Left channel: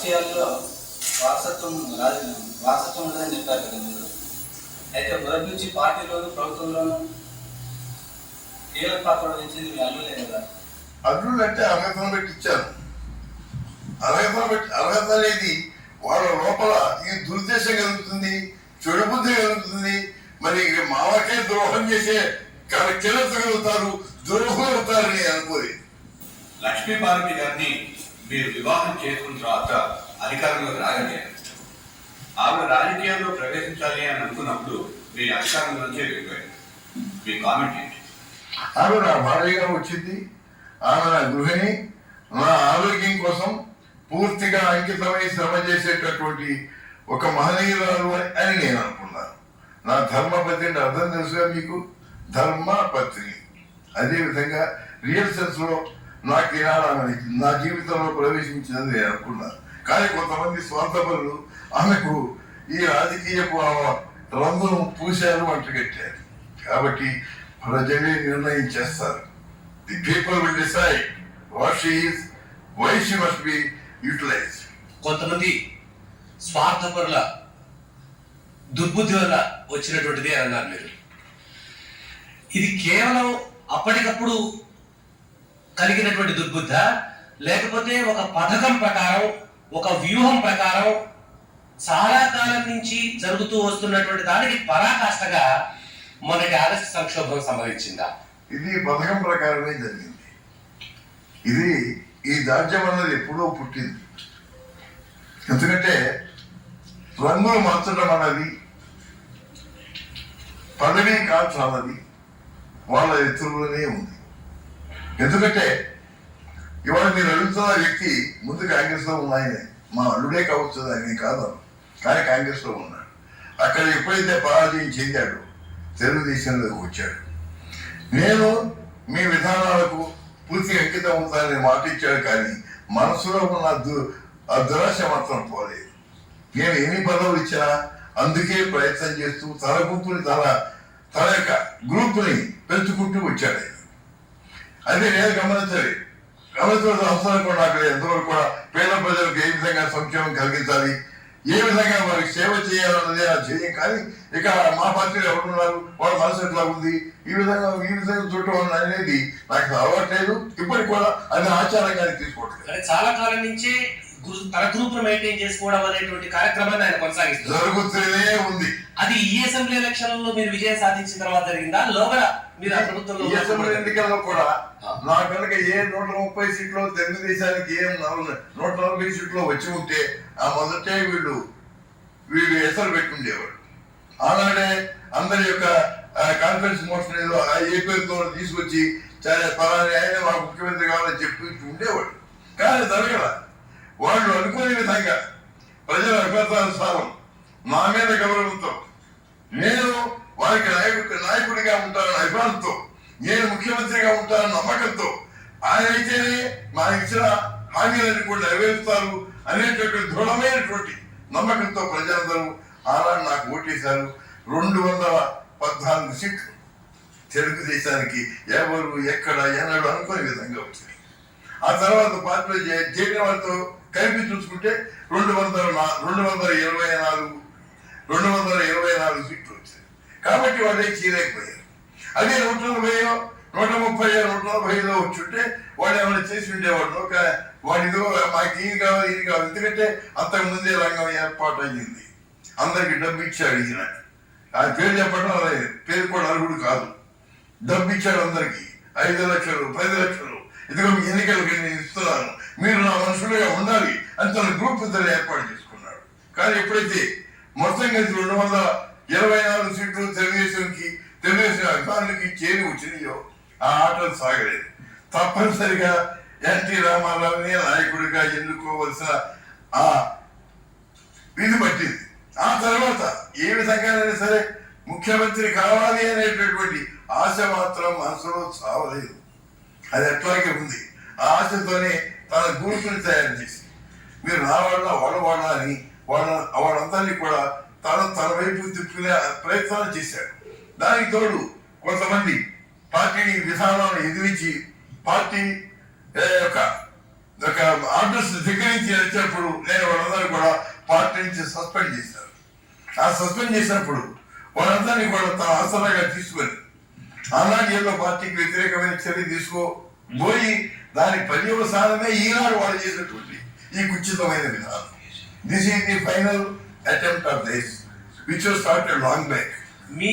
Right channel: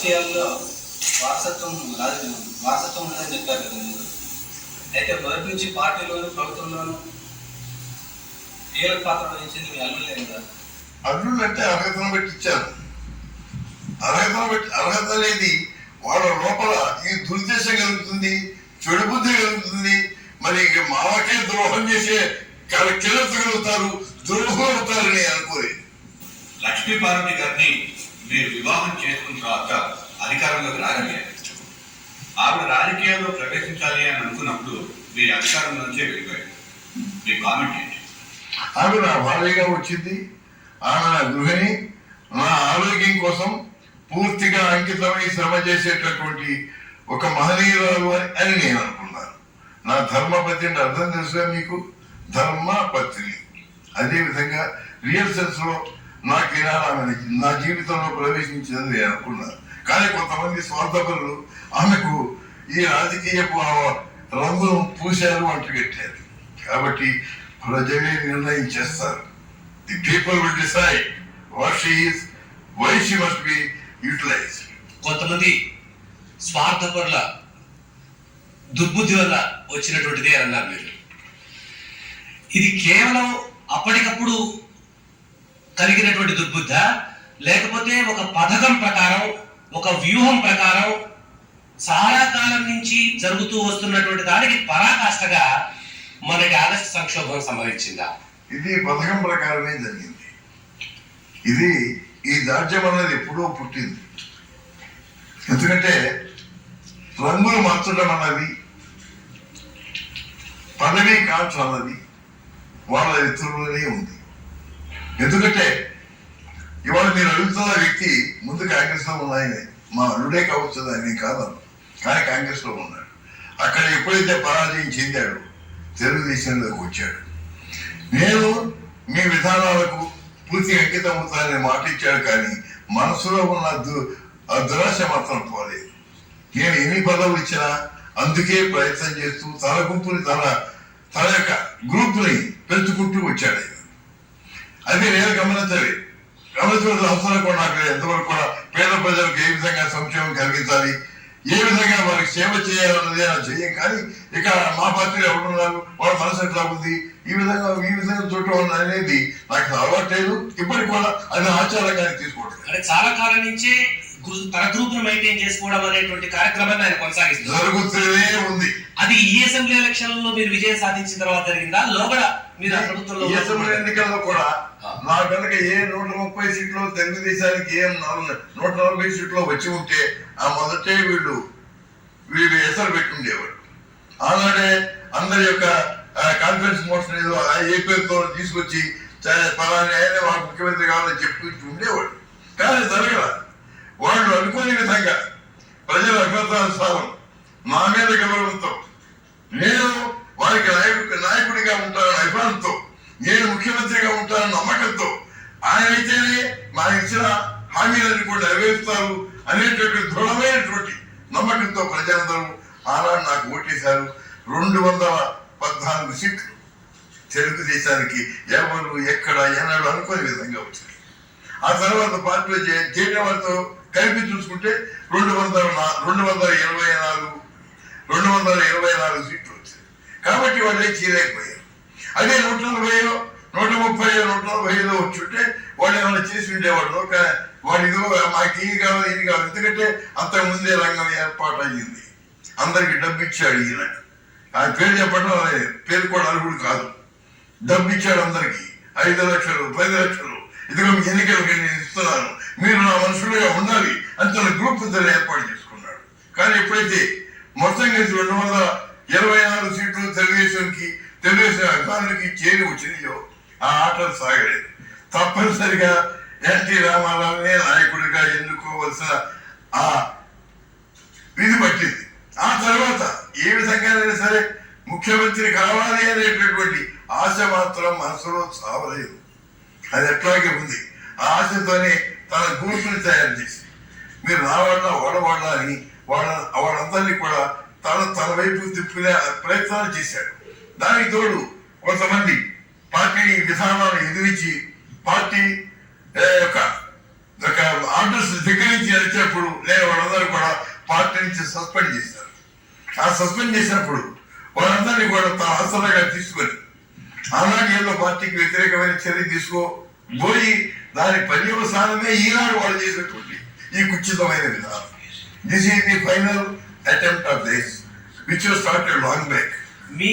రాజకీయాల్లో వారసత్వం వారసత్వం ఉందని చెప్పారు కదా మీరు. అయితే మొదటి నుంచి పార్టీలోను ప్రభుత్వంలోనూ కీలక పాత్ర వహించింది మీ అల్లులే కదా. అల్లుళ్ళు అంటే అర్హతను బట్టి ఇచ్చారు. అర్హత అనేది వాళ్ళ లోపల ఈ దురుద్దేశం కలుగుతుంది, చెడు బుద్ధి కలుగుతుంది. మరి మావకే ద్రోహం చేసే కిలతగలుగుతారు, ద్రోహం అవుతారని అనుకోలేదు. లక్ష్మీపార్వతి గారిని మీరు వివాహం చేసుకున్న తర్వాత అధికారంలోకి రాగలిగారు. ఆవిడ రాజకీయాల్లో ప్రవేశించాలి అని అనుకున్నప్పుడు మీరు అధికారం నుంచే వెళ్ళిపోయారు. మీ కామెంట్ ఏంటి? ఆమె నా భార్యగా వచ్చింది. ఆమె నా గృహిణి. నా ఆరోగ్యం కోసం పూర్తిగా అంకితమై శ్రమ చేసేటటువంటి ఒక మహనీయురాలు అని నేను అనుకున్నాను. నా ధర్మపత్ని అంటే అర్థం తెలుసుగా మీకు, ధర్మపత్ని. అదేవిధంగా రియల్ సెన్స్ లో నాకు ఈనాడు నా జీవితంలో ప్రవేశించిందని నేను అనుకున్నాను. కానీ కొంతమంది స్వార్థపరులు ఆమెకు ఈ రాజకీయపు రంగును పూశారు, అంటగట్టారు. కాబట్టి ప్రజలే నిర్ణయం చేస్తారు. The people will decide what she is, why she must be utilised. కొంతమంది స్వార్థపరుల దుర్బుద్ధి వల్ల వచ్చినటువంటిది అని అన్నారు మీరు. ఇది కేవలం అప్పటికప్పుడు కలిగినటువంటి దుర్బుద్ధ, లేకపోతే ఒక పథకం ప్రకారం, ఒక వ్యూహం ప్రకారం చాలా కాలం నుంచి జరుగుతూ వస్తున్నటువంటి దానికి పరాకాష్ఠగా మనకి ఆగస్టు సంక్షోభం సంభవించిందా? ఇది పథకం ప్రకారమే జరిగింది. ఇది ఈ దాడ్యం అన్నది ఎప్పుడో పుట్టింది. ఎందుకంటే రంగులు మార్చడం అన్నది, పదవి కాల్చ అన్నది వాళ్ళ ఎత్తులోనే ఉంది. ఎందుకంటే ఇవాళ మీరు అడుగుతున్న వ్యక్తి ముందు కాంగ్రెస్ లో ఉన్నాయని, మా అల్లుడే కావచ్చు అని కాదు, కానీ కాంగ్రెస్ లో ఉన్నాడు. అక్కడ ఎప్పుడైతే పరాజయం చెందాడు తెలుగుదేశంలోకి వచ్చాడు. నేను మీ విధానాలకు పూర్తి అంకితం అవుతానని మాట ఇచ్చాడు, కానీ మనసులో ఉన్న ఆ దురాశ మాత్రం పోలేదు. నేను ఎన్ని పదవులు ఇచ్చినా అందుకే ప్రయత్నం చేస్తూ తన గుంపుని తన యొక్క గ్రూప్ని పెంచుకుంటూ వచ్చాడు. అది నేను గమనించాలి. గమనించిన అవసరం కూడా నాకు ఎంతవరకు కూడా పేద ప్రజలకు ఏ విధంగా సంక్షేమం కలిగించాలి, ఏ విధంగా వారికి సేవ చేయాలన్నదే నా ధ్యేయం. కానీ ఇక మా పార్టీలో ఎవరున్నారు, వాళ్ళ మనసు ఎట్లా ఉంది, ఈ విధంగా చూడటం అనేది నాకు అలవాట్లేదు. ఇప్పటికి కూడా అది ఆచారంగానే తీసుకోవట్లేదు. చాలా కాలం నుంచి తన గ్రూప్ ను మెయింటైన్ చేసుకోవడం అనేటువంటి కార్యక్రమాన్ని ఆయన కొనసాగిస్తారు, జరుగుతూనే ఉంది. అది ఈ అసెంబ్లీ ఎలక్షన్లలో మీరు విజయం సాధించిన తర్వాత జరిగిందా? లోగడ మీరు ఆ ప్రభుత్వంలో ఈ అసెంబ్లీ ఎన్నికల్లో కూడా నా కనుక ఏ 130 సీట్లో తెలుగుదేశానికి ఏ 140 సీట్లో వచ్చి ఉంటే ఆ మొదటే వీళ్ళు ఎసరు పెట్టుండేవాడు. ఆనాడే అందరి యొక్క కాన్ఫరెన్స్ మోషన్ ఏదో ఏ పేరుతో తీసుకొచ్చి పలాని ఆయన వాళ్ళ ముఖ్యమంత్రి కావాలని చెప్పి ఉండేవాడు. కానీ జరగల. వాళ్ళు అనుకునే విధంగా ప్రజల అభ్యర్థన నా మీద గౌరవంతో, నేను వారికి నాయకుడిగా ఉంటానన్న అభిమానంతో, నేను ముఖ్యమంత్రిగా ఉంటానన్న నమ్మకంతో, ఆయన అయితేనే మా ఇచ్చిన హామీలన్నీ కూడా నెరవేరుస్తారు అనేటటువంటి దృఢమైనటువంటి నమ్మకంతో ప్రజలందరూ ఆనాడు నాకు ఓటేశారు. 214 సీట్లు తెలుగుదేశానికి ఎవరు ఎక్కడ ఎన్నడూ అనుకునే విధంగా వచ్చినాయి. ఆ తర్వాత పార్టీలో చేరిన వారితో కలిపి చూసుకుంటే 224 సీట్లు వచ్చాయి. కాబట్టి వాళ్ళే చీరైపోయారు. అదే 140, 130, 145 వచ్చుంటే వాళ్ళు ఏమైనా చేసి ఉండేవాడు. వాడిదో మాకు ఇది కావాలి. ఎందుకంటే అంతకుముందే రంగం ఏర్పాటు అయ్యింది. అందరికి డబ్బు ఇచ్చాడు ఈయన. ఆయన పేరు చెప్పడం పేరు కూడా అర్హుడు కాదు. డబ్బు ఇచ్చాడు అందరికి 5 లక్షలు, 10 లక్షలు. ఇదిగో మీ ఎన్నికలకి నేను ఇస్తున్నాను, మీరు నా మనుషులుగా ఉండాలి అని తన గ్రూప్ ఏర్పాటు చేసుకున్నాడు. కానీ ఎప్పుడైతే మొత్తం కలిసి 224 సీట్లు తెలుగుదేశం అభిమానులకి చేరి వచ్చినాయో ఆ ఆటలు సాగలేదు. తప్పనిసరిగా ఎన్టీ రామారావునే నాయకుడిగా ఎన్నుకోవలసిన ఆ విధి పట్టింది. ఆ తర్వాత ఏ విధంగానైనా సరే ముఖ్యమంత్రి కావాలి అనేటటువంటి ఆశ మాత్రం మనసులో చావలేదు. అది ఎట్లాగే ఉంది. ఆ ఆశతోనే తన గ్రూపుని తయారు చేసి మీరు వాడవాళ్ళ అని వాళ్ళందరినీ కూడా తన వైపు తిప్పుకునే ప్రయత్నాలు చేశాడు. దానికి తోడు కొంతమంది పార్టీ విధానాలను ఎదిరించి పార్టీ యొక్క ఒక ఆర్డర్స్ ధిక్కరించి వచ్చినప్పుడు నేను వాళ్ళందరూ కూడా పార్టీ నుంచి సస్పెండ్ చేశారు. ఆ సస్పెండ్ చేసినప్పుడు వాళ్ళందరినీ కూడా తన ఆసరాగా తీసుకొని ఆనాడు ఏదో పార్టీకి వ్యతిరేకమైన చర్య తీసుకోబోయి దాని పర్యవసానమే ఈనాడు వాళ్ళు చేసినటువంటి ఈ కుచితమైన విధానం. This is the final attempt of this which was started long back. Me